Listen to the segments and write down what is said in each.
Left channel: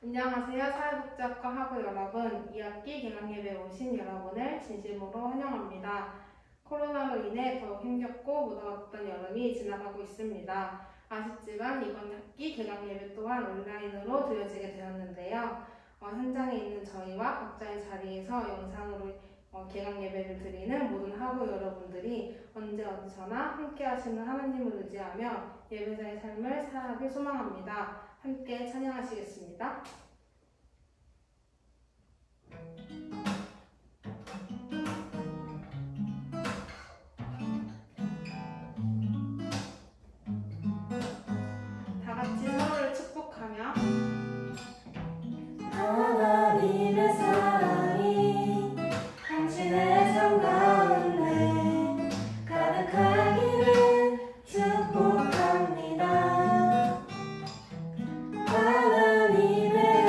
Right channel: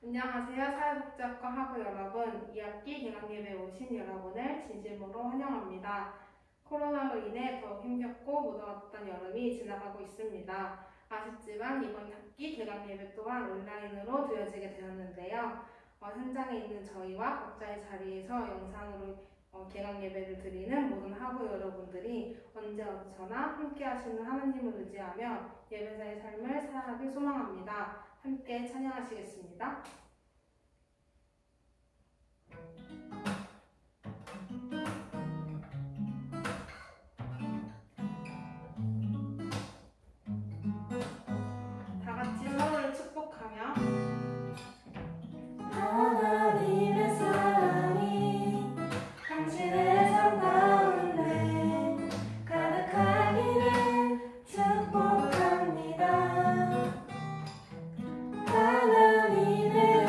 안녕하세요. 사회복지학과 학우 여러분, 2학기 개강예배에 오신 여러분을 진심으로 환영합니다. 코로나로 인해 더욱 힘겹고 무더웠던 여름이 지나가고 있습니다. 아쉽지만 이번 학기 개강예배 또한 온라인으로 드려지게 되었는데요. 현장에 있는 저희와 각자의 자리에서 영상으로 개강예배를 드리는 모든 학우 여러분들이 언제 어디서나 함께 하시는 하나님을 의지하며 예배자의 삶을 살아가길 소망합니다. 함께 찬양하시겠습니다. 다 같이 서로를 축복하며 하나님의 사랑이 당신의 삶 가운데 가득하기를 축복합니다. 하나님의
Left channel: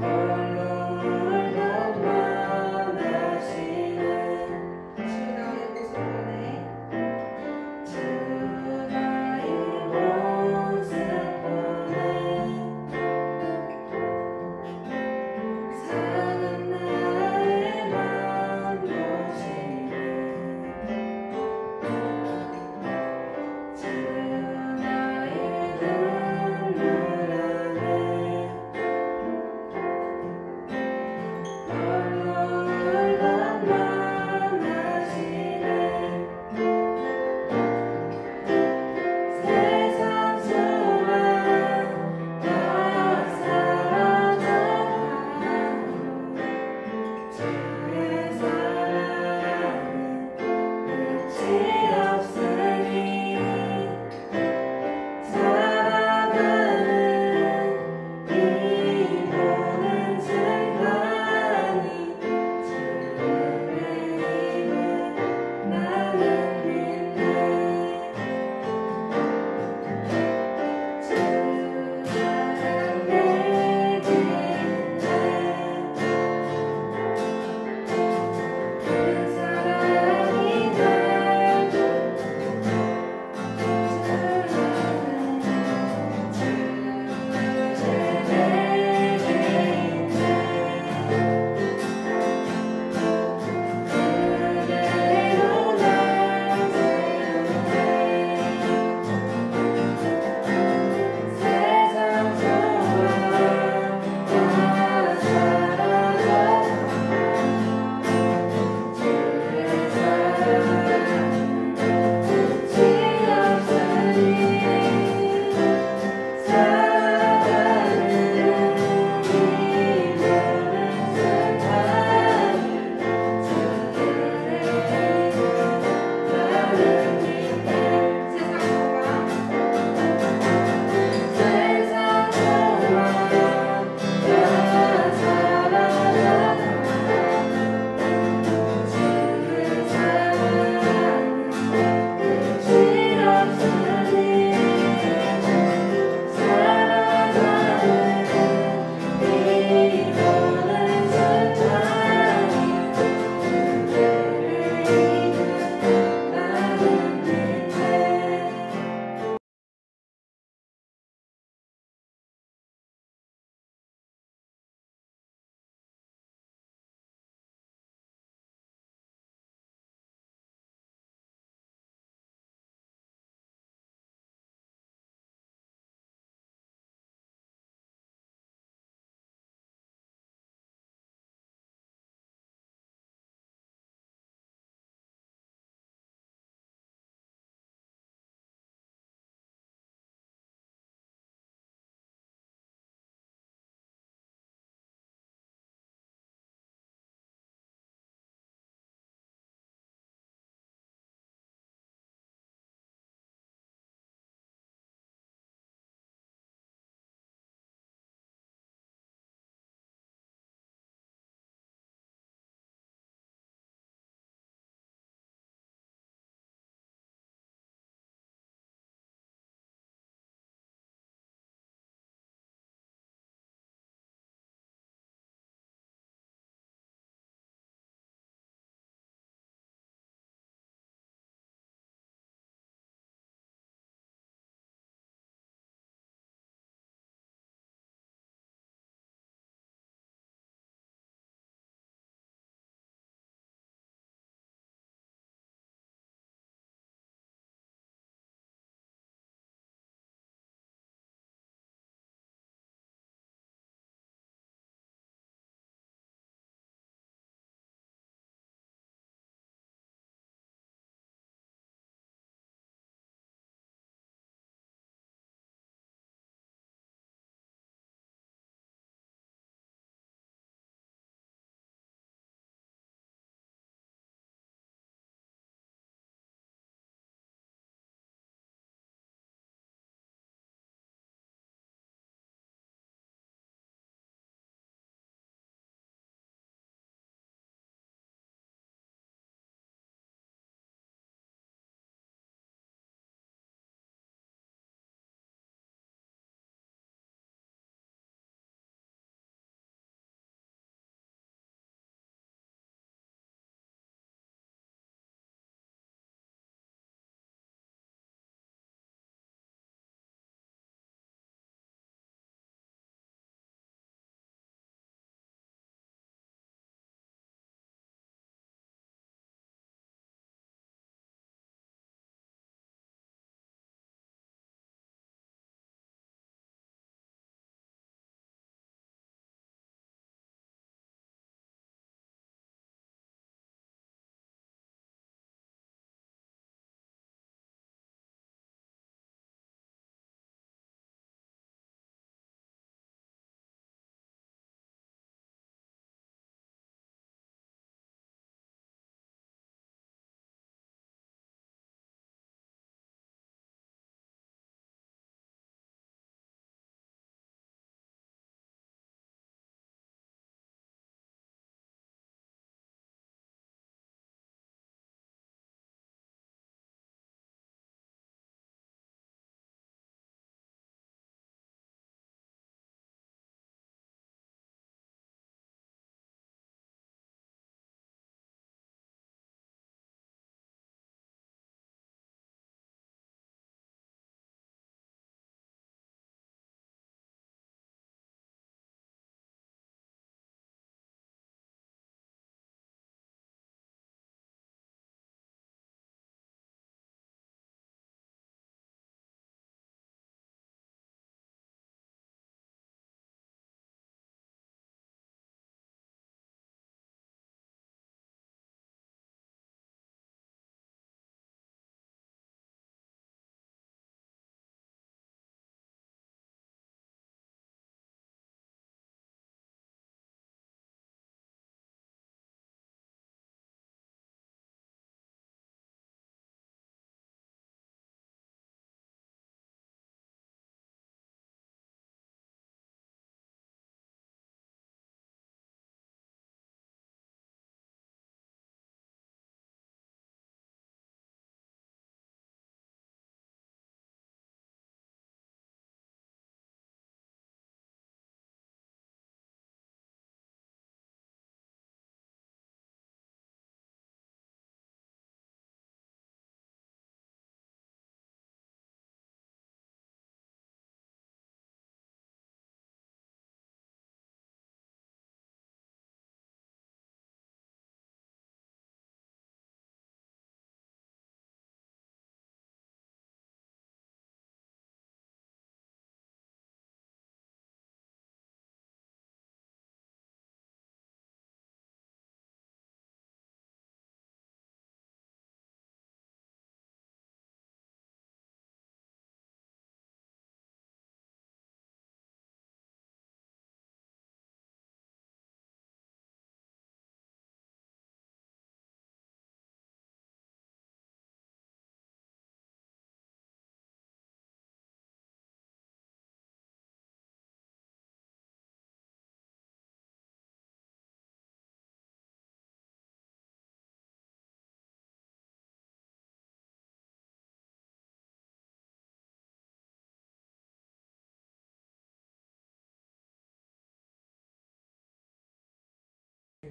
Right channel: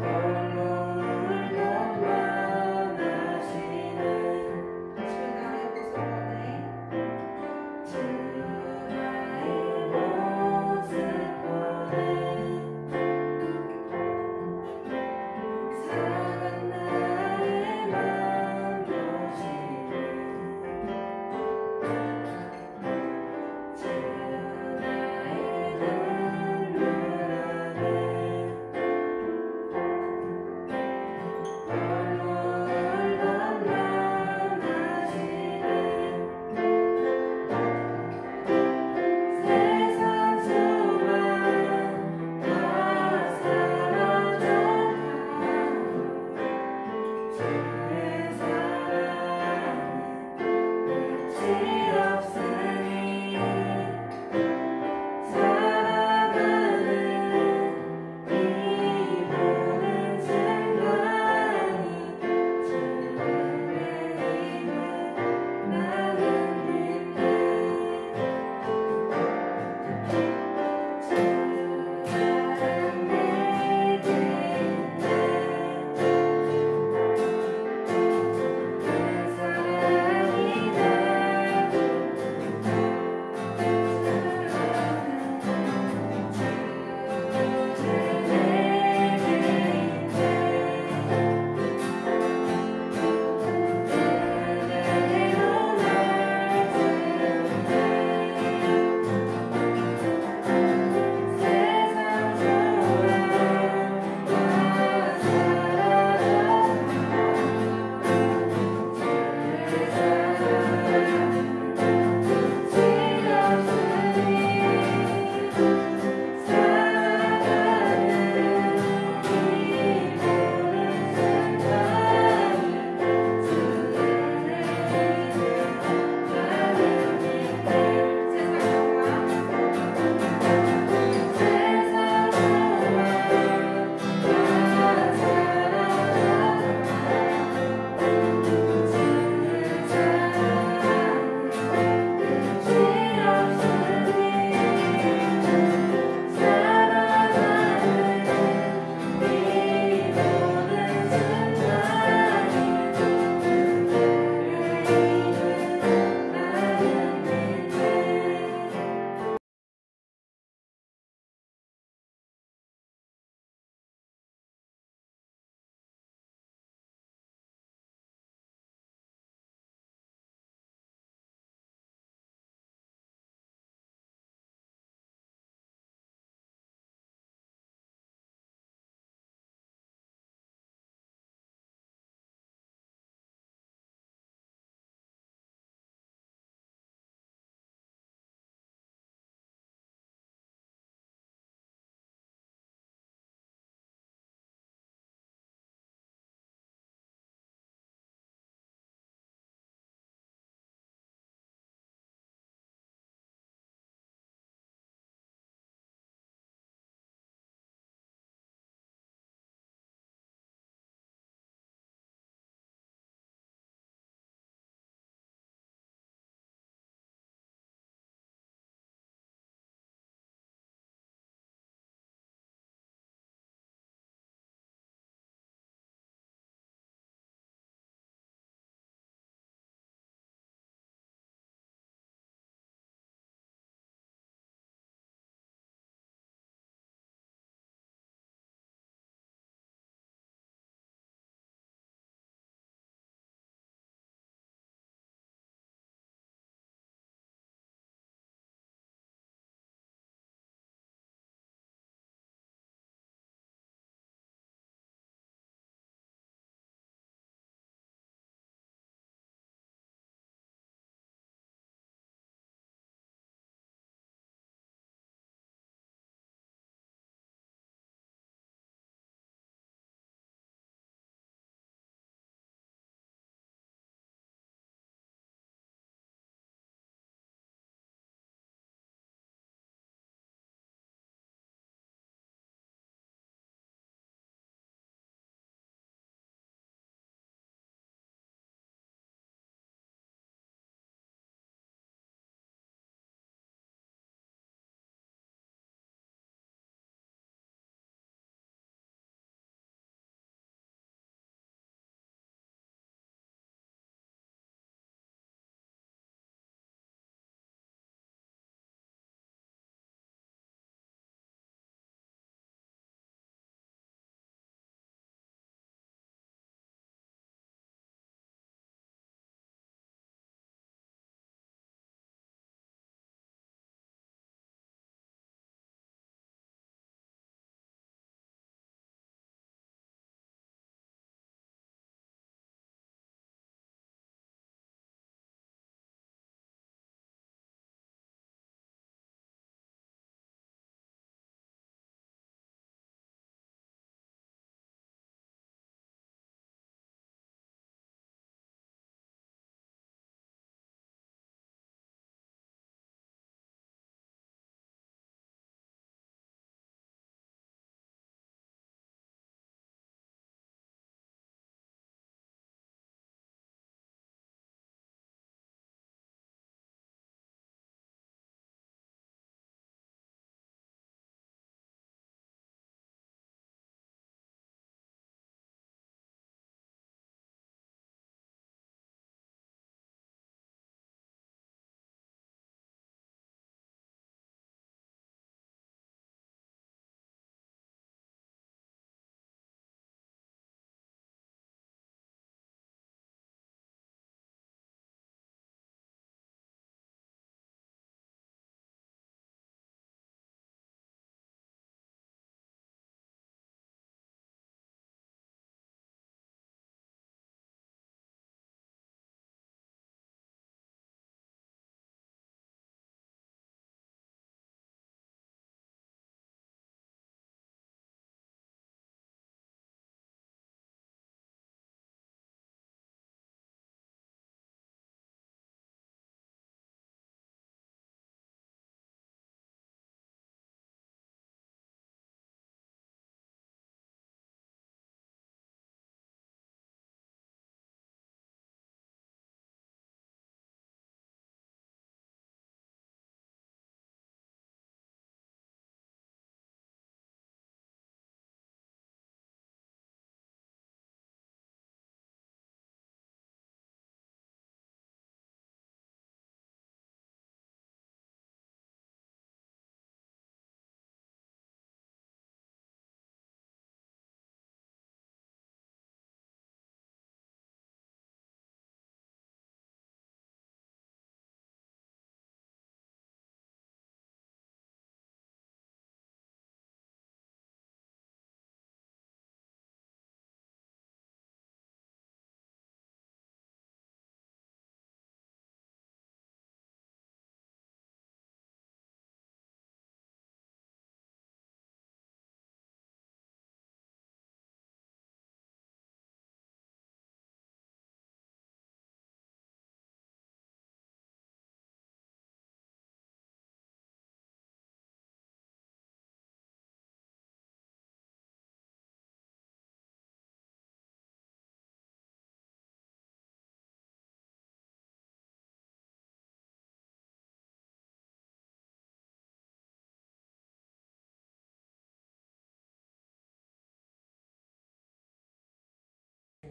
홀로 울던 맘마시는 주 나의 모습 보내 주 나의 모습 보내 상한 나의 맘 보시네 주 나의 눈물 안에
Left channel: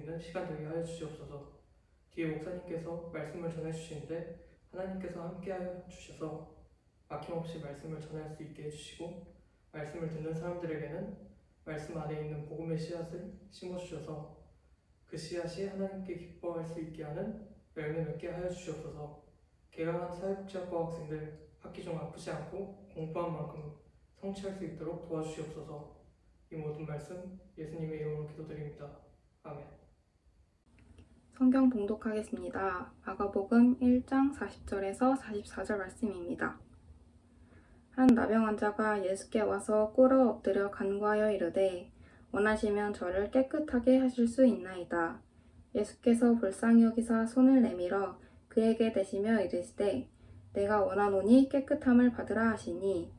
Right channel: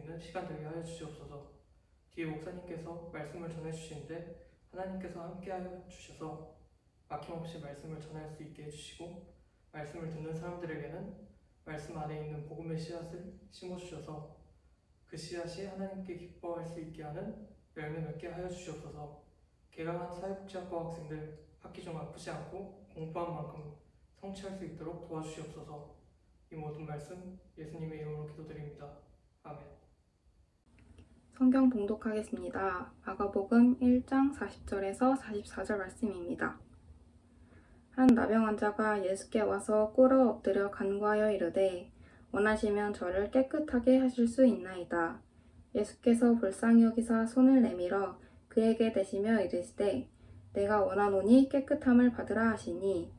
있는 시간 되게 하여 주시옵소서. 뒤에 목사님께서 말씀을 전해 주시는데 하나님께서 함께하여 주셔서 막힘없이 말씀을 전할 수 있게 해주시고, 말씀을 듣는 사람들에게는 말씀 안에 있는 복음의 씨앗을 심어주셔서 그 씨앗이 하나님께 기뻐할 수 있게 하는 열매 맺게 하여 주시옵소서. 개강한 사회복지학과 학생들 학기 중 아프지 않고 공부한 만큼 성취할 수 있도록 도와주시옵소서. 이 모든 말씀 예수님의 이름으로 기도드립니다. 아멘. 성경 봉독하겠습니다. 마가복음 1장 40절에서 44절 말씀입니다. 한 나병 환자가 예수께 와서 꿇어 엎드려 간구하여 이르되 원하시면 저를 깨끗하게 하실 수 있나이다. 예수께서 불쌍히 여기사 손을 내밀어 그에게 대시며 이르시되 내가 원하노니 깨끗함을 받으라 하시니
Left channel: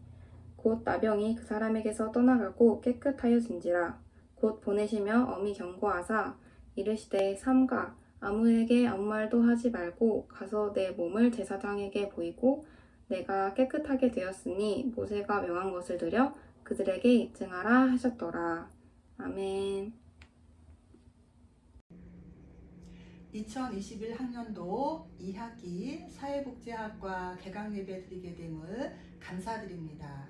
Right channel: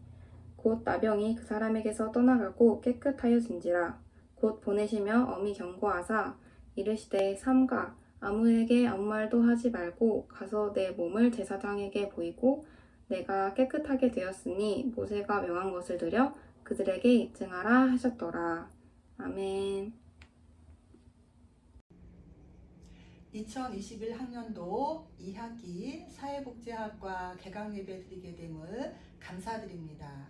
곧 나병이 그 사람에게서 떠나가고 깨끗하여진지라. 곧 보내시며 엄히 경고하사 이르시되 삼가 아무에게 아무 말도 하지 말고 가서 내 몸을 제사장에게 보이고 내가 깨끗하게 되었으니 모세가 명한 것을 들여 그들에게 입증하라 하셨더라. 아멘. 2021 학년도 2학기 사회복지학과 개강예배 드리게 됨을 감사드립니다.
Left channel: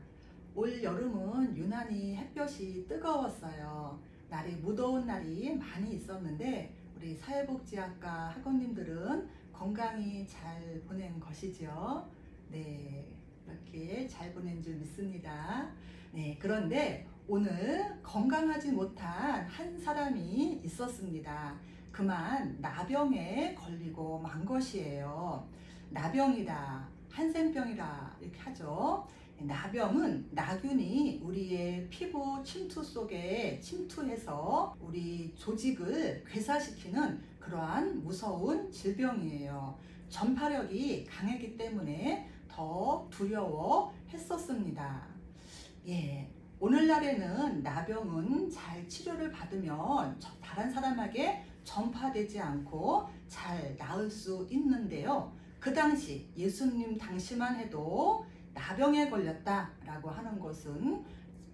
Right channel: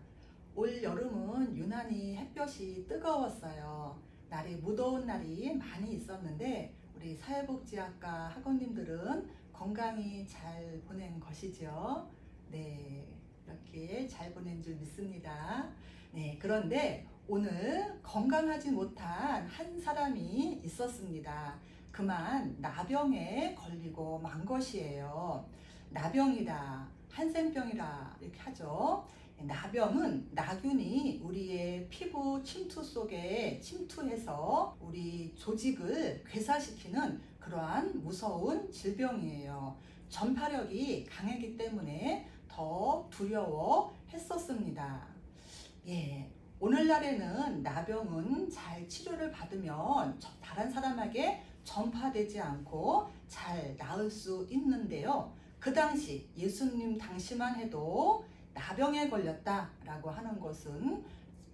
올 여름은 유난히 햇볕이 뜨거웠어요. 날이 무더운 날이 많이 있었는데 우리 사회복지학과 학원님들은 건강히 잘 보낸 것이죠. 네, 이렇게 잘 보낸 줄 믿습니다. 네, 그런데 오늘 건강하지 못한 한 사람이 있었습니다. 그만 나병에 걸리고 만 것이에요. 나병이다, 한센병이라 이렇게 하죠. 나병은 나균이 우리의 피부 침투 속에 침투해서 우리 조직을 괴사시키는 그러한 무서운 질병이에요. 전파력이 강하기 때문에 더 두려워했었습니다. 예, 오늘날에는 나병은 잘 치료를 받으면 다른 사람에게 전파되지 않고 잘 나을 수 있는데요. 그 당시 예수님 당시만 해도 나병에 걸렸다라고 하는 것은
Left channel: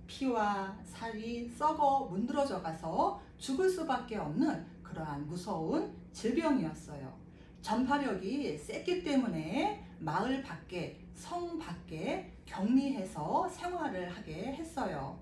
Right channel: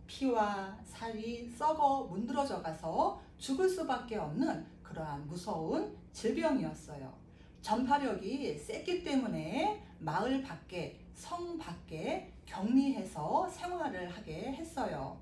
피와 살이 썩어 문드러져 가서 죽을 수밖에 없는 그러한 무서운 질병이었어요. 전파력이 셌기 때문에 마을 밖에, 성 밖에 격리해서 생활을 하게 했어요.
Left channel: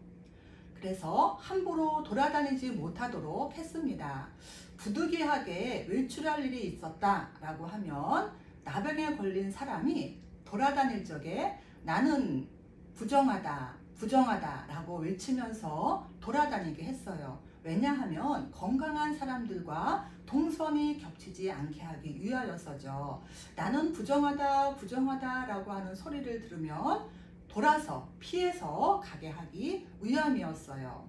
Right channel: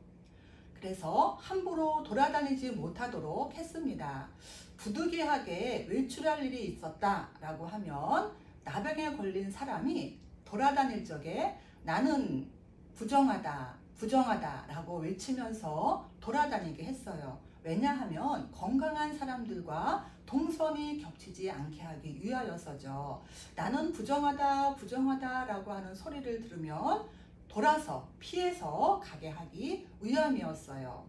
그래서 함부로 돌아다니지 못하도록 했습니다. 부득이하게 외출할 일이 있었다라고 하면 나병에 걸린 사람이 돌아다닐 적에 나는 부정하다, 부정하다 라고 외치면서 돌아다니게 했어요. 왜냐하면 건강한 사람들과 동선이 겹치지 않게 하기 위하여서죠. 나는 부정하다, 부정하다 라고 하는 소리를 들으면 돌아서 피해서 가게 하기 위함이었어요.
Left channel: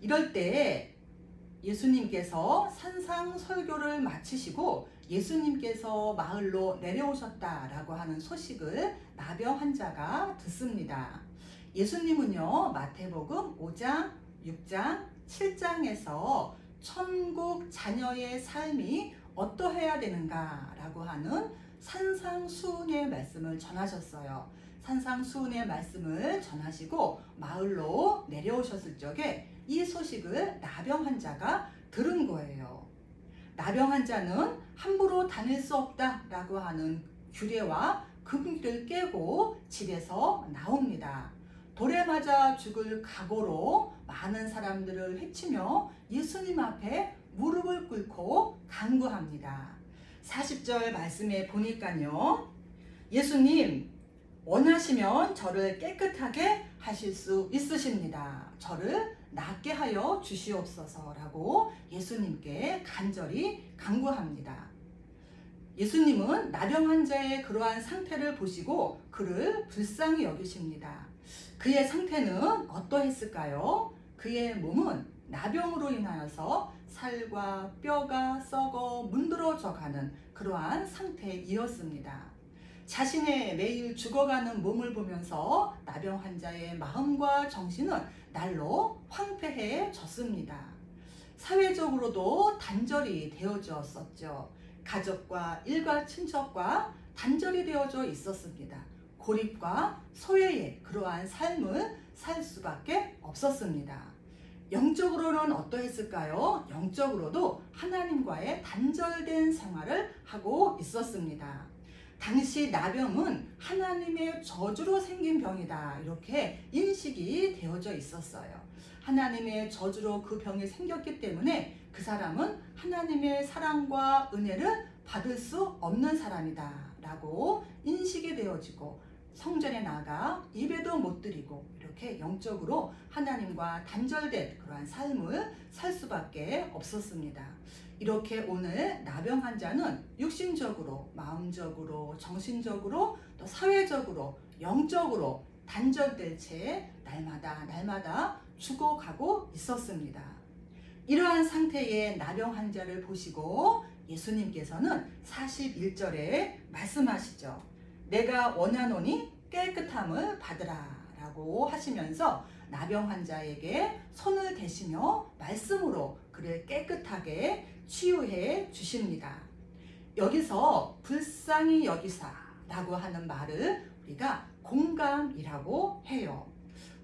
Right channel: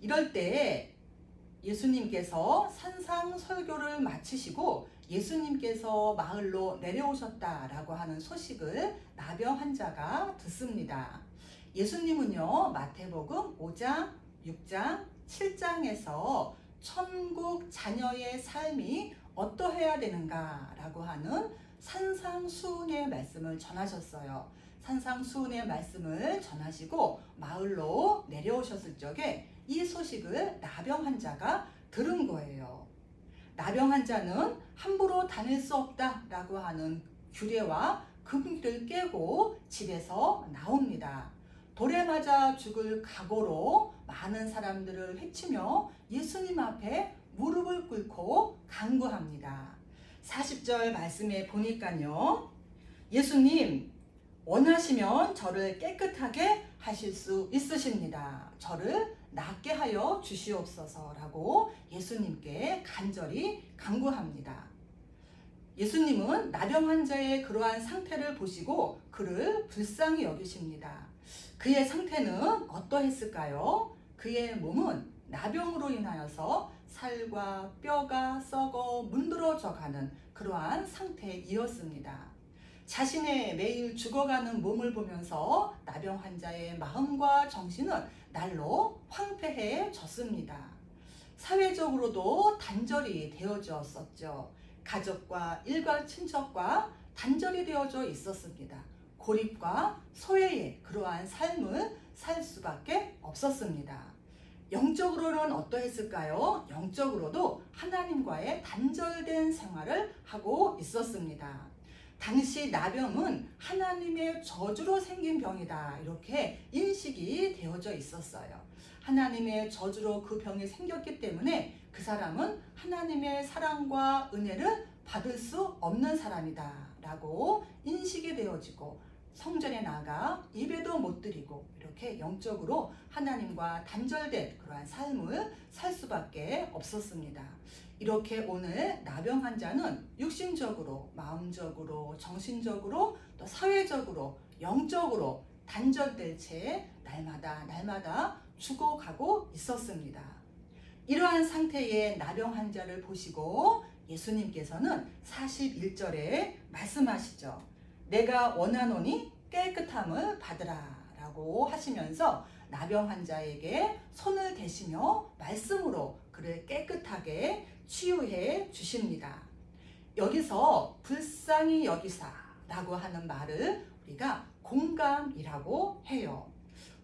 이럴 때 예수님께서 산상 설교를 마치시고 예수님께서 마을로 내려오셨다라고 하는 소식을 나병 환자가 듣습니다. 예수님은요, 마태복음 5장, 6장, 7장에서 천국 자녀의 삶이 어떠해야 되는가라고 하는 산상수훈의 말씀을 전하셨어요. 산상수훈의 말씀을 전하시고 마을로 내려오셨을 적에 이 소식을 나병 환자가 들은 거예요. 나병 환자는 함부로 다닐 수 없다라고 하는 규례와 금기를 깨고 집에서 나옵니다. 돌에 맞아 죽을 각오로 많은 사람들을 해치며 예수님 앞에 무릎을 꿇고 간구합니다. 40절 말씀에 보니까요, 예수님 원하시면 저를 깨끗하게 하실 수 있으십니다. 저를 낫게 하여 주시옵소서라고 예수님께 간절히 간구합니다. 예수님은 나병 환자의 그러한 상태를 보시고 그를 불쌍히 여기십니다. 그의 상태는 어떠했을까요? 그의 몸은 나병으로 인하여서 살과 뼈가 썩어 문드러져가는 그러한 상태이었습니다. 자신의 매일 죽어가는 몸을 보면서 나병 환자의 마음과 정신은 날로 황폐해졌습니다. 사회적으로도 단절이 되어졌었죠. 가족과 일가 친척과 단절이 되어져 있었습니다. 고립과 소외의 그러한 삶을 살 수밖에 없었습니다. 영적으로는 어떠했을까요? 영적으로도 하나님과의 단절된 생활을 하고 있었습니다. 당시 나병은 하나님의 저주로 생긴 병이다, 이렇게 인식이 되어져 있었어요. 하나님의 저주로 그 병이 생겼기 때문에 그 사람은 하나님의 사랑과 은혜를 받을 수 없는 사람이다 라고 인식이 되어지고, 성전에 나가 예배도 못 드리고 이렇게 영적으로 하나님과 단절된 그러한 삶을 살 수밖에 없었습니다. 이렇게 오늘 나병 환자는 육신적으로, 마음적으로, 정신적으로, 또 사회적으로, 영적으로 단절될 채 날마다 죽어가고 있었습니다. 이러한 상태의 나병 환자를 보시고 예수님께서는 41절에 말씀하시죠. 내가 원하노니 깨끗함을 받으라 라고 하시면서 나병 환자에게 손을 대시며 말씀으로 그를 깨끗하게 치유해 주십니다. 여기서 불쌍히 여기사 라고 하는 말을 우리가 공감이라고 해요.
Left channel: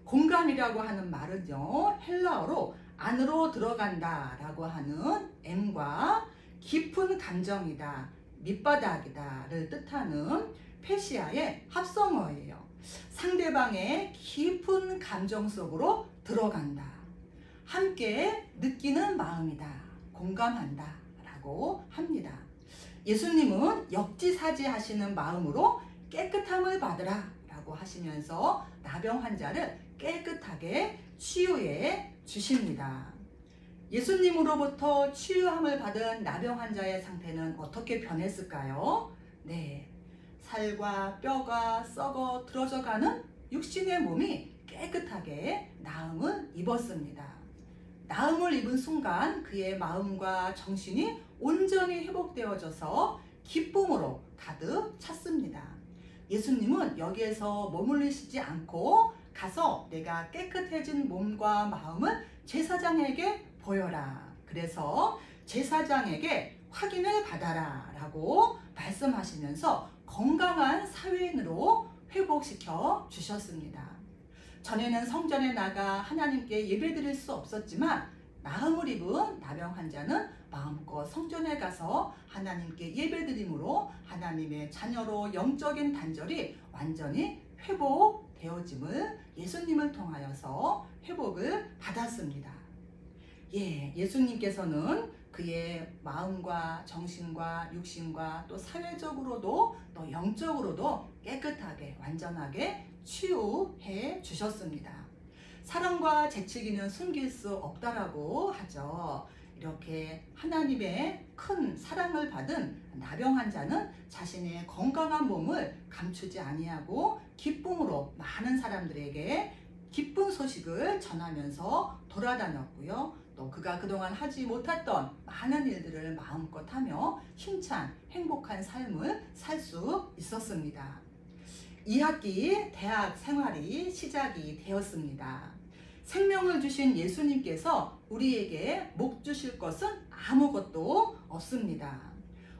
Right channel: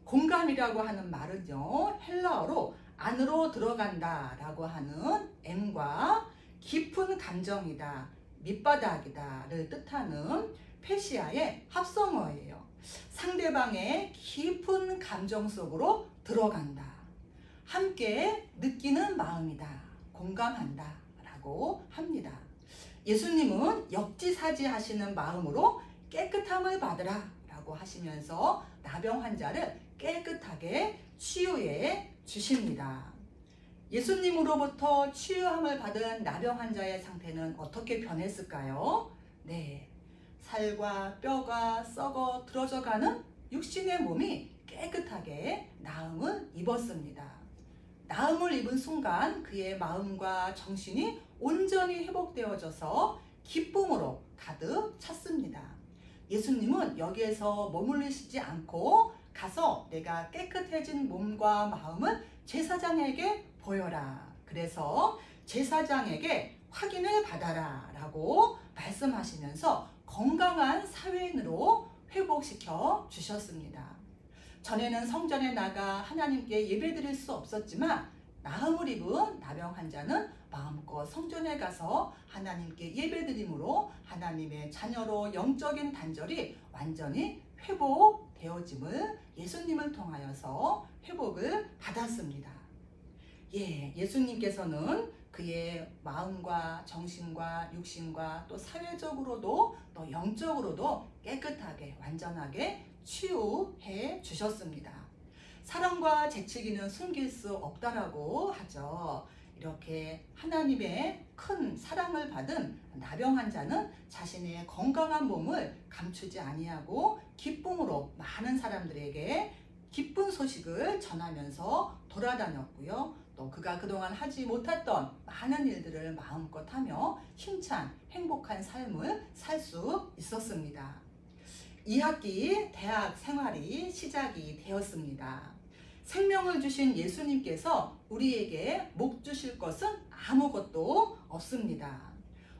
공감이라고 하는 말은요, 헬라어로 안으로 들어간다 라고 하는 M과 깊은 감정이다, 밑바닥이다를 뜻하는 페시아의 합성어예요. 상대방의 깊은 감정 속으로 들어간다, 함께 느끼는 마음이다, 공감한다 라고 합니다. 예수님은 역지사지 하시는 마음으로 깨끗함을 받으라 라고 하시면서 나병 환자를 깨끗하게 치유해 주십니다. 예수님으로부터 치유함을 받은 나병 환자의 상태는 어떻게 변했을까요? 네, 살과 뼈가 썩어 들어져가는 육신의 몸이 깨끗하게 나음을 입었습니다. 나음을 입은 순간 그의 마음과 정신이 온전히 회복되어져서 기쁨으로 가득 찼습니다. 예수님은 여기에서 머물리시지 않고 가서 내가 깨끗해진 몸과 마음을 제사장에게 보여라. 그래서 제사장에게 확인을 받아라 라고 말씀하시면서 건강한 사회인으로 회복시켜 주셨습니다. 전에는 성전에 나가 하나님께 예배드릴 수 없었지만 나음을 입은 나병 환자는 마음껏 성전에 가서 하나님께 예배드림으로 하나님의 자녀로 영적인 단절이 완전히 회복되어짐을 예수님을 통하여서 회복을 받았습니다. 예수님께서는 그의 마음과 정신과 육신과 또 사회적으로도 또 영적으로도 깨끗하게 완전하게 치유해 주셨습니다. 사랑과 재치기는 숨길 수 없다라고 하죠. 이렇게 하나님의 큰 사랑을 받은 나병 환자는 자신의 건강한 몸을 감추지 아니하고 기쁨으로 많은 사람들에게 기쁜 소식을 전하면서 돌아다녔고요. 또 그가 그동안 하지 못했던 많은 일들을 마음껏 하며 힘찬 행복한 삶을 살 수 있었습니다. 2학기 대학 생활이 시작이 되었습니다. 생명을 주신 예수님께서 우리에게 목 주실 것은 아무것도 없습니다.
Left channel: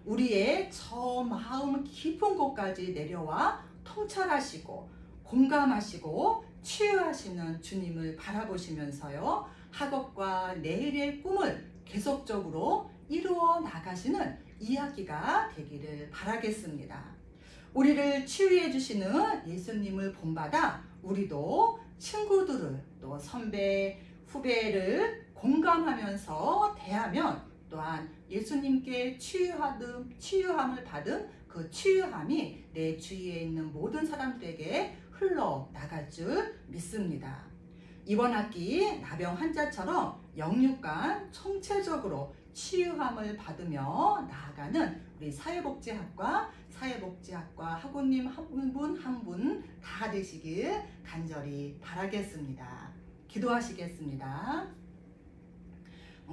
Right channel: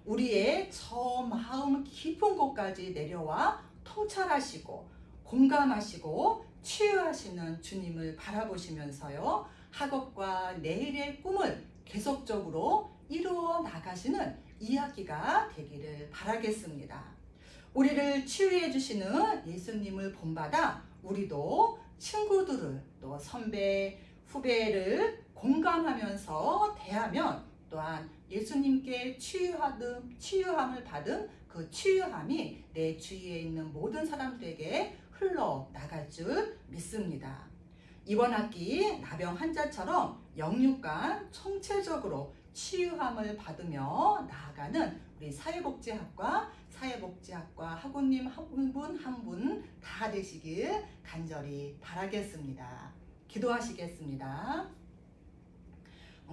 우리의 저 마음 깊은 곳까지 내려와 통찰하시고 공감하시고 치유하시는 주님을 바라보시면서요, 학업과 내일의 꿈을 계속적으로 이루어 나가시는 2학기가 되기를 바라겠습니다. 우리를 치유해 주시는 예수님을 본받아 우리도 친구들을 또 선배, 후배를 공감하면서 대하면 또한 예수님께 치유함을 받은 그 치유함이 내 주위에 있는 모든 사람들에게 흘러나갈 줄 믿습니다. 이번 학기 나병 환자처럼 영육간 총체적으로 치유함을 받으며 나아가는 우리 사회복지학과 학우님 한 분 다 되시길 간절히 바라겠습니다. 기도하시겠습니다.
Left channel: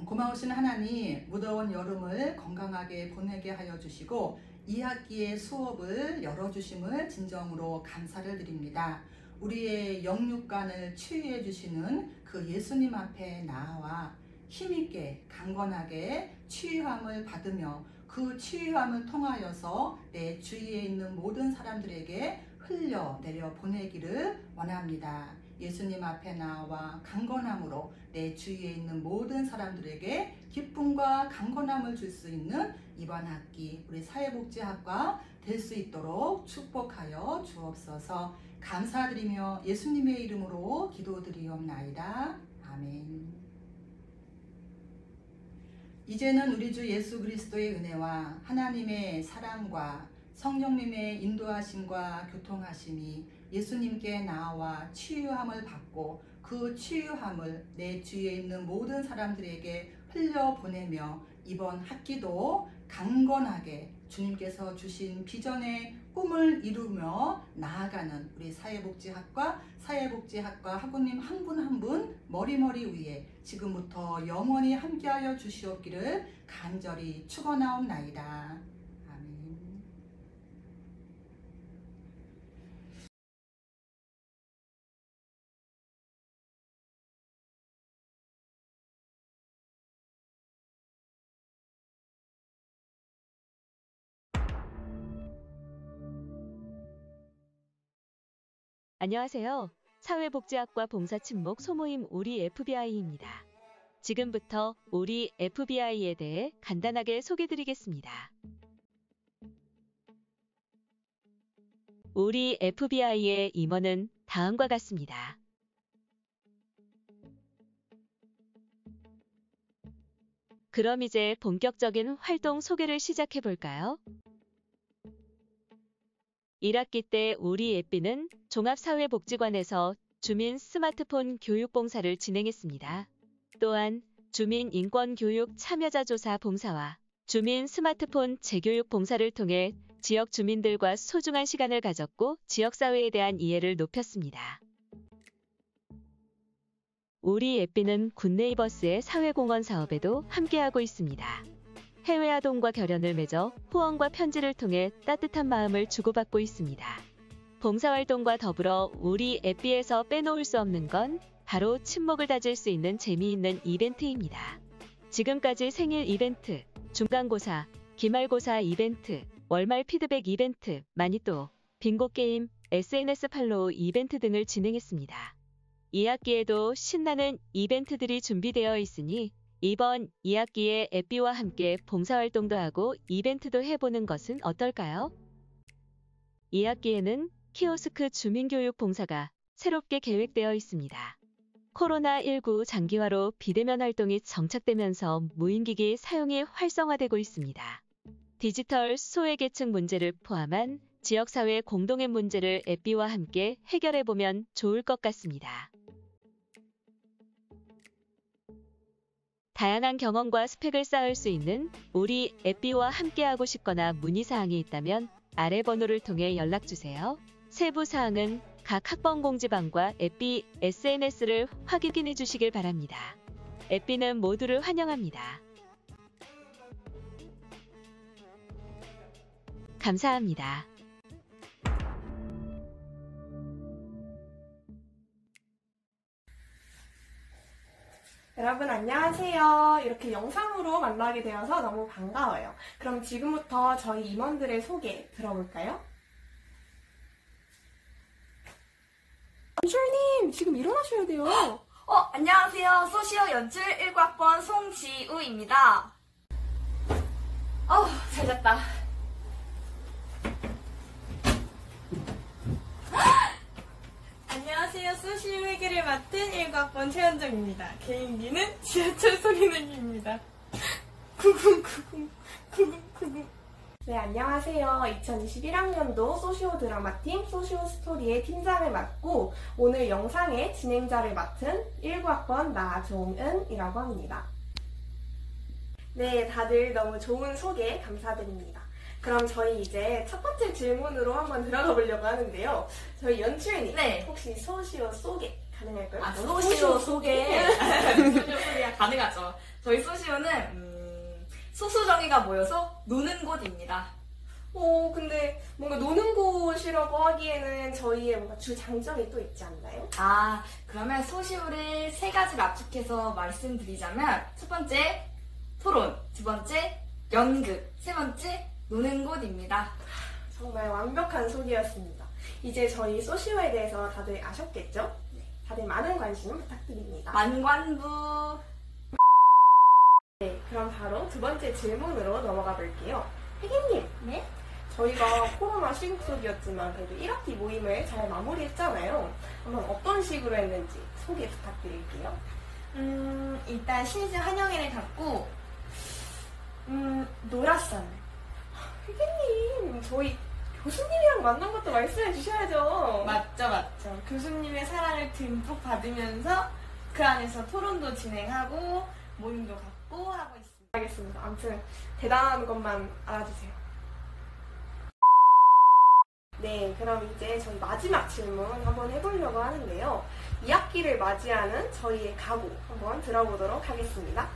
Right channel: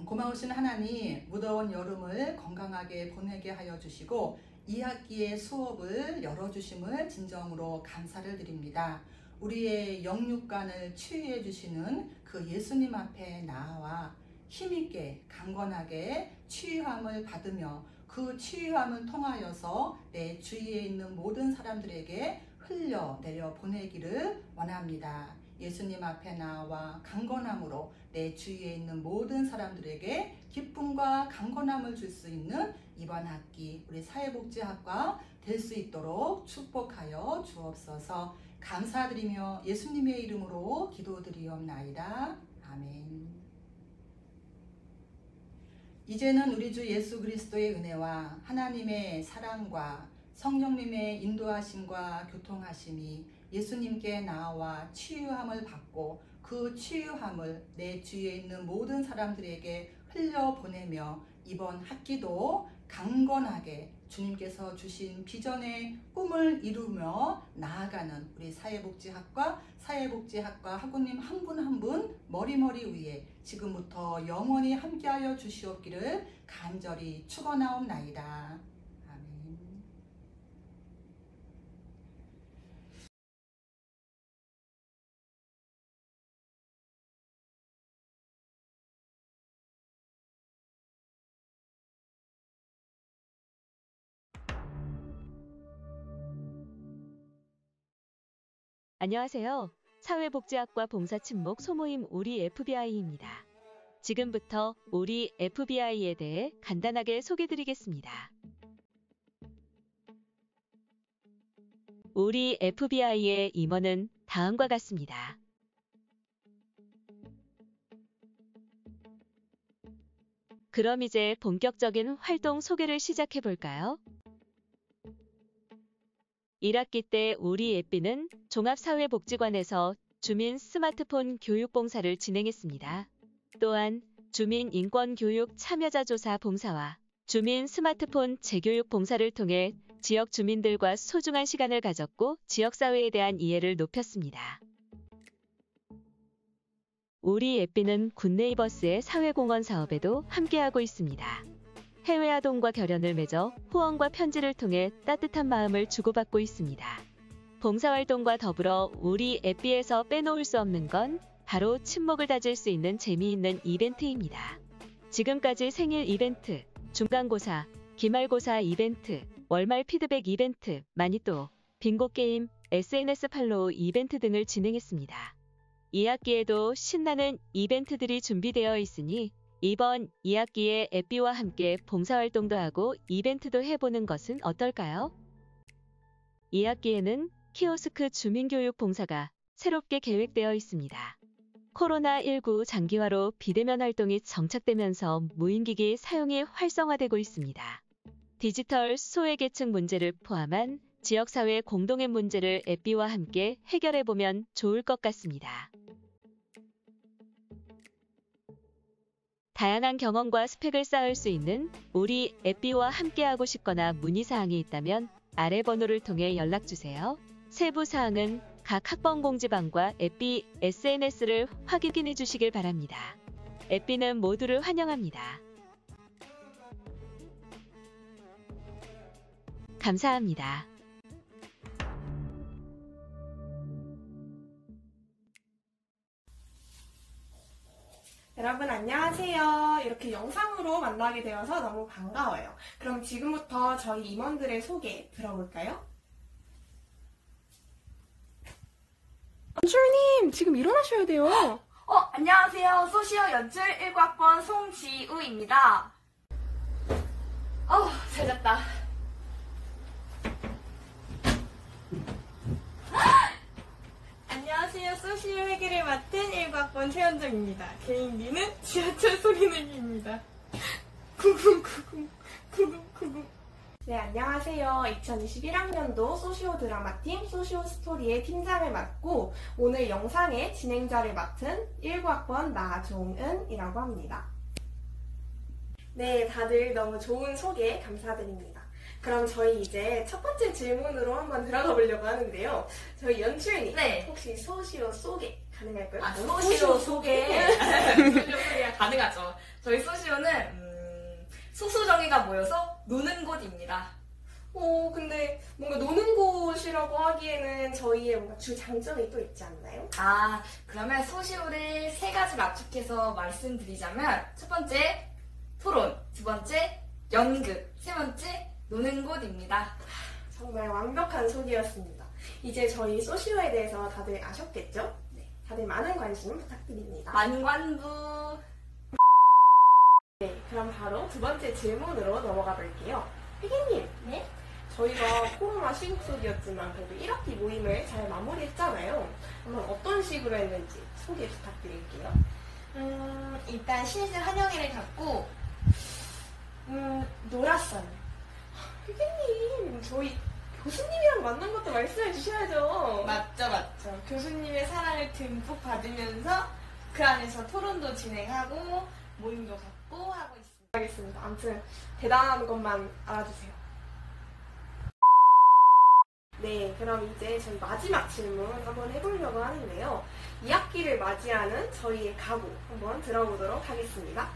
고마우신 하나님, 무더운 여름을 건강하게 보내게 하여 주시고 2학기의 수업을 열어주심을 진정으로 감사를 드립니다. 우리의 영육간을 치유해 주시는 그 예수님 앞에 나와 힘있게 강건하게 치유함을 받으며 그 치유함을 통하여서 내 주위에 있는 모든 사람들에게 흘려내려 보내기를 원합니다. 예수님 앞에 나와 강건함으로 내 주위에 있는 모든 사람들에게 기쁨과 강건함을 줄 수 있는 이번 학기 우리 사회복지학과 될 수 있도록 축복하여 주옵소서. 감사드리며 예수님의 이름으로 기도드리옵나이다. 아멘. 이제는 우리 주 예수 그리스도의 은혜와 하나님의 사랑과 성령님의 인도하심과 교통하심이 예수님께 나와 치유함을 받고 그 치유함을 내 주위에 있는 모든 사람들에게 흘려보내며 이번 학기도 강건하게 주님께서 주신 비전의 꿈을 이루며 나아가는 우리 사회복지학과 학우님 한 분 한 분 머리머리 위에 지금부터 영원히 함께하여 주시옵기를 간절히 축원하옵나이다. 아멘. 안녕하세요. 사회복지학과 봉사친목 소모임 우리 FBI입니다. 지금부터 우리 FBI에 대해 간단하게 소개드리겠습니다. 우리 FBI의 임원은 다음과 같습니다. 그럼 이제 본격적인 활동 소개를 시작해 볼까요? 1학기 때 우리 FB는 종합사회복지관에서 주민 스마트폰 교육 봉사를 진행했습니다. 또한 주민 인권교육 참여자 조사 봉사와 주민 스마트폰 재교육 봉사를 통해 지역 주민들과 소중한 시간을 가졌고 지역사회에 대한 이해를 높였습니다. 우리 FB는 굿네이버스의 사회공헌 사업에도 함께하고 있습니다. 해외 아동과 결연을 맺어 후원과 편지를 통해 따뜻한 마음을 주고받고 있습니다. 봉사활동과 더불어 우리 FB에서 빼놓을 수 없는 건 바로 친목을 다질 수 있는 재미있는 이벤트입니다. 지금까지 생일 이벤트, 중간고사, 기말고사 이벤트, 월말 피드백 이벤트, 마니또, 빙고 게임, SNS 팔로우 이벤트 등을 진행했습니다. 2학기에도 신나는 이벤트들이 준비되어 있으니 이번 2학기에 FB와 함께 봉사활동도 하고 이벤트도 해보는 것은 어떨까요? 2학기에는 키오스크 주민교육 봉사가 새롭게 계획되어 있습니다. 코로나19 장기화로 비대면 활동이 정착되면서 무인기기 사용이 활성화되고 있습니다. 디지털 소외계층 문제를 포함한 지역사회 공동의 문제를 FB와 함께 해결해보면 좋을 것 같습니다. 다양한 경험과 스펙을 쌓을 수 있는 우리 FB와 함께하고 싶거나 문의사항이 있다면 아래 번호를 통해 연락주세요. 세부 사항은 각 학번 공지방과 FB SNS를 확인해 주시길 바랍니다. FB는 모두를 환영합니다. 감사합니다. 여러분 안녕하세요. 이렇게 영상으로 만나게 되어서 너무 반가워요. 그럼 지금부터 저희 임원들의 소개 들어볼까요? 연출님 지금 일어나셔야 돼요. 안녕하세요. 소시오 연출 1학번 송지우입니다. 잘 잤다. 안녕하세요. 소시오 회계를 맡은 1학번 최현정입니다. 개인기는 지하철 소리내기입니다. 구궁구궁. 네, 안녕하세요. 2021학년도 소시오 드라마팀 소시오 스토리의 팀장을 맡고 오늘 영상의 진행자를 맡은 19학번 나종은이라고 합니다. 네, 다들 너무 좋은 소개 감사드립니다. 그럼 저희 이제 첫 번째 질문으로 한번 들어가 보려고 하는데요. 저희 연출님, 네. 혹시 소시오 소개 가능할까요? 소시오 소개. 소시오 소개 가능하죠. 저희 소시오는 소수정의가 모여서 노는 곳입니다. 근데 뭔가 노는 곳이라고 하기에는 저희의 뭔가 주 장점이 또 있지 않나요? 그러면 소시오를 세 가지로 압축해서 말씀드리자면 첫 번째 토론, 두 번째 연극, 세 번째 노는 곳입니다. 정말 완벽한 소개였습니다. 이제 저희 소시오에 대해서 다들 아셨겠죠? 다들 많은 관심 부탁드립니다. 만관부. 네, 그럼 바로 두 번째 질문으로 넘어가 볼게요. 혜기님, 네? 저희가 코로나 시국 속이었지만 그래도 1학기 모임을 잘 마무리했잖아요. 한번 어떤 식으로 했는지 소개 부탁드릴게요. 일단 신입생 환영회를 갖고 놀았어요. 혜기님, 저희 교수님이랑 만난 것도 말씀해 주셔야죠. 맞죠. 교수님의 사랑을 듬뿍 받으면서 그 안에서 토론도 진행하고 모임도 갖고 하고 있습니다. 알겠습니다. 아무튼 대단한 것만 알아주세요. 네, 그럼 이제 저희 마지막 질문 한번 해보려고 하는데요. 2학기를 맞이하는 저희의 각오 한번 들어보도록 하겠습니다.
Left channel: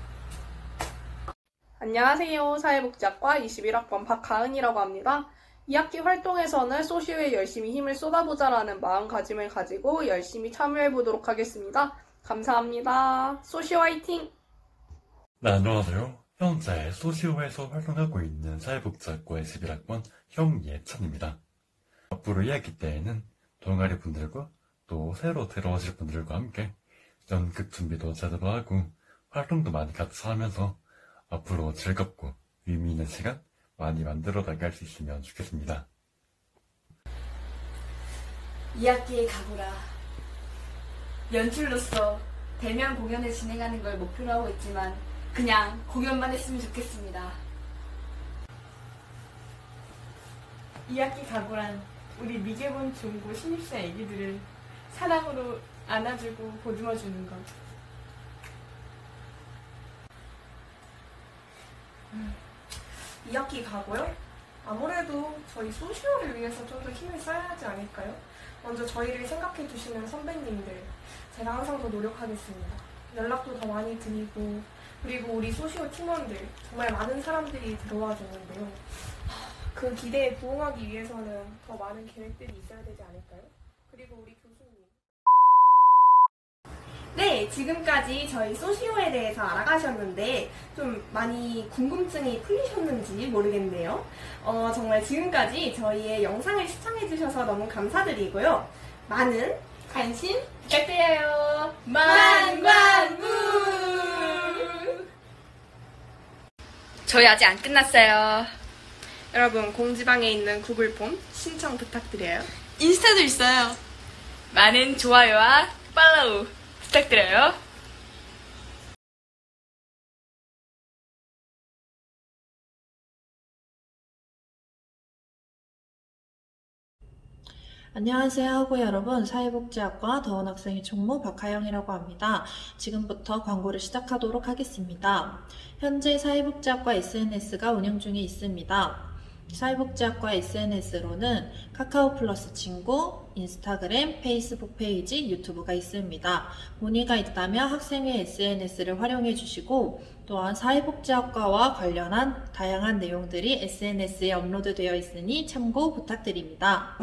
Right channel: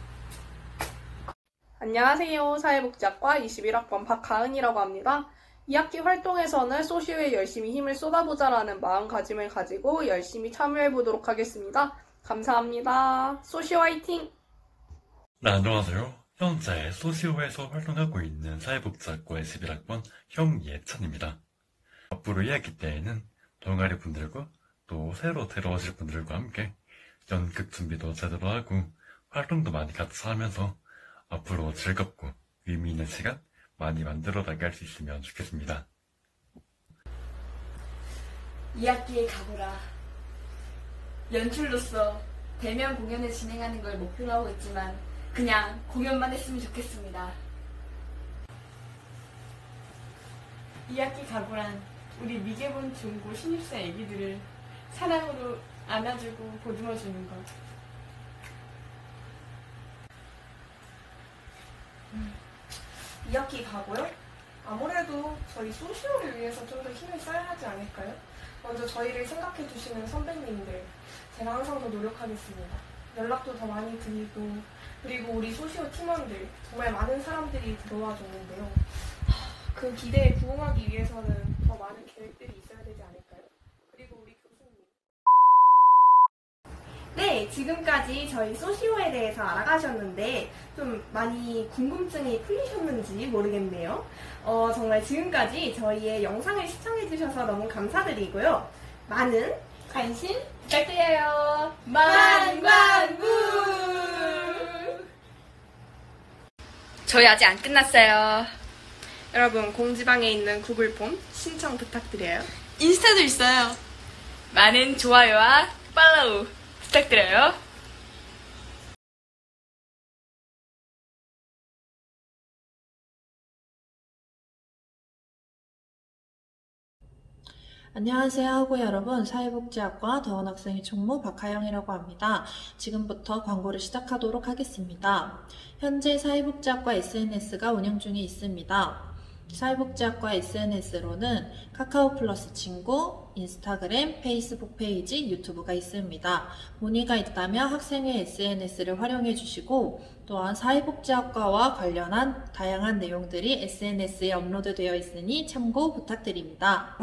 안녕하세요. 사회복지학과 21학번 박가은이라고 합니다. 2학기 활동에서는 소시오에 열심히 힘을 쏟아보자라는 마음가짐을 가지고 열심히 참여해보도록 하겠습니다. 감사합니다. 소시오 화이팅! 네, 안녕하세요. 현재 소시오에서 활동하고 있는 사회복지학과의 11학번 형예찬입니다. 앞으로 2학기 때에는 동아리 분들과 또 새로 들어오실 분들과 함께 연극 준비도 제대로 하고 활동도 많이 같이 하면서 앞으로 즐겁고 의미 있는 시간 많이 만들어 나갈 수 있으면 좋겠습니다. 2학기의 각오라. 연출로서 대면 공연을 진행하는 걸 목표로 하고 있지만 그냥 공연만 했으면 좋겠습니다. 2학기 각오란 우리 미개본 중고 신입생 애기들을 사랑으로 안아주고 보듬어주는 것. 2학기 가고요? 아무래도 저희 소시오를 위해서 좀 더 힘을 써야 하지 않을까요? 먼저 저희를 생각해 주시는 선배님들, 제가 항상 더 노력하겠습니다. 연락도 더 많이 드리고, 그리고 우리 소시오 팀원들, 정말 많은 사람들이 들어와 줬는데요. 그 기대에 부응하기 위해서는 더 많은 계획들이 있어야 되지 않을까요? 그리고 우리 교수님. 네, 지금까지 저희 소시오에 대해서 알아가셨는데 좀 많이 궁금증이 풀리셨는지 모르겠네요. 정말 지금까지 저희의 영상을 시청해주셔서 너무 감사드리고요. 많은 관심 부탁드려요. 만관부! 저희 아직 안 끝났어요. 여러분, 공지방에 있는 구글폼 신청 부탁드려요. 인스타도 있어요. 많은 좋아요와 팔로우 부탁드려요. 안녕하세요 하고 여러분, 사회복지학과 더원학생회 총무 박하영이라고 합니다. 지금부터 광고를 시작하도록 하겠습니다. 현재 사회복지학과 SNS가 운영 중에 있습니다. 사회복지학과 SNS로는 카카오 플러스 친구, 인스타그램, 페이스북 페이지, 유튜브가 있습니다. 문의가 있다면 학생회 SNS를 활용해 주시고 또한 사회복지학과와 관련한 다양한 내용들이 SNS에 업로드되어 있으니 참고 부탁드립니다.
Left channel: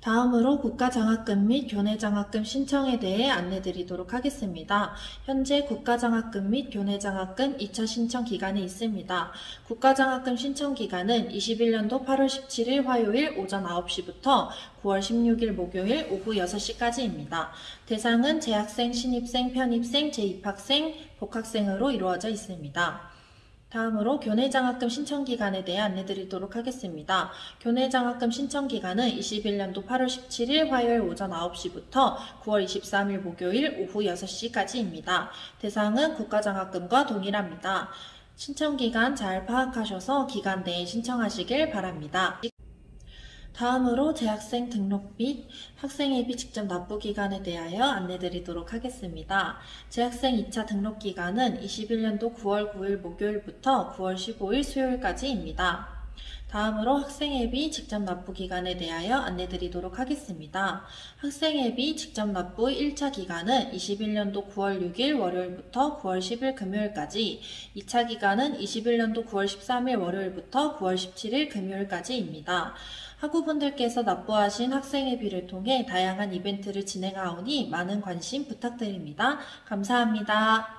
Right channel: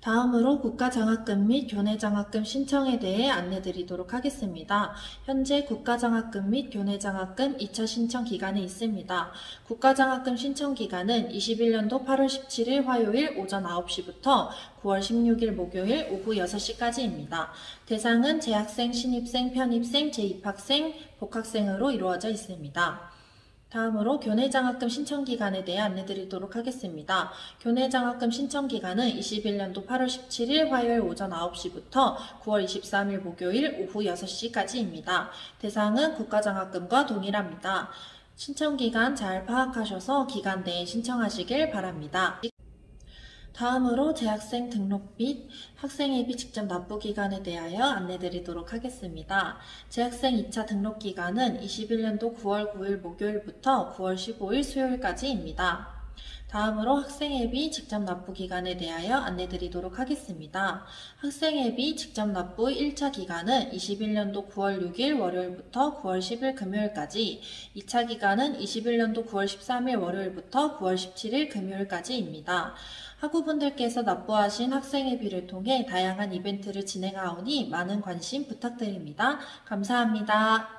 다음으로 국가장학금 및 교내장학금 신청에 대해 안내드리도록 하겠습니다. 현재 국가장학금 및 교내장학금 2차 신청 기간이 있습니다. 국가장학금 신청 기간은 21년도 8월 17일 화요일 오전 9시부터 9월 16일 목요일 오후 6시까지입니다. 대상은 재학생, 신입생, 편입생, 재입학생, 복학생으로 이루어져 있습니다. 다음으로 교내장학금 신청기간에 대해 안내드리도록 하겠습니다. 교내장학금 신청기간은 21년도 8월 17일 화요일 오전 9시부터 9월 23일 목요일 오후 6시까지입니다. 대상은 국가장학금과 동일합니다. 신청기간 잘 파악하셔서 기간 내에 신청하시길 바랍니다. 다음으로 재학생 등록 및 학생회비 직접 납부 기간에 대하여 안내드리도록 하겠습니다. 재학생 2차 등록 기간은 21년도 9월 9일 목요일부터 9월 15일 수요일까지입니다. 다음으로 학생회비 직접 납부 기간에 대하여 안내드리도록 하겠습니다. 학생회비 직접 납부 1차 기간은 21년도 9월 6일 월요일부터 9월 10일 금요일까지, 2차 기간은 21년도 9월 13일 월요일부터 9월 17일 금요일까지입니다. 학우분들께서 납부하신 학생회비를 통해 다양한 이벤트를 진행하오니 많은 관심 부탁드립니다. 감사합니다.